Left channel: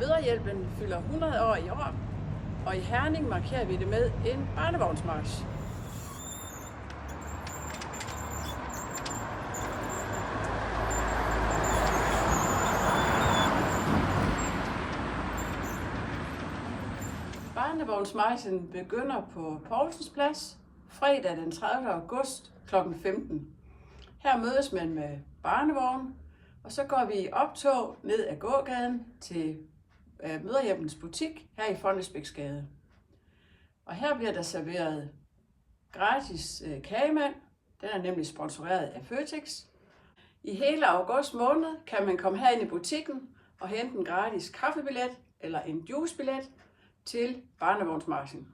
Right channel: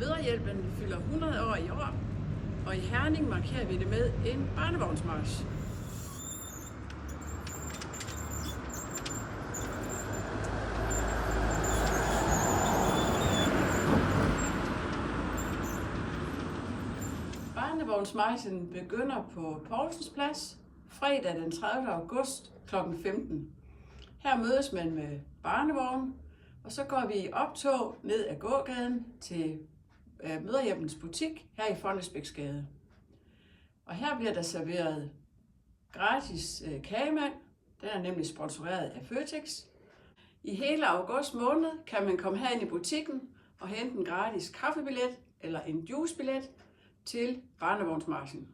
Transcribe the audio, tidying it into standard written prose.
Mødrehjælpen fylder 100 år i år, og i Herning markerer vi det med en barnevognsmarch. Barnevognsmarchen begynder på Poulsens Plads fredag den 30. august kl. 15. Her mødes man med barnevogn, og så går vi i optog ned ad gågaden til Mødrehjælpens butik her i Fonnesbæksgade. Og her bliver der serveret gratis kagemand. Den er nemlig sponsoreret af Føtex. I hele august måned kan man komme herind i butikken og hente en gratis kaffebillet eller en juicebillet til barnevognsmarchen.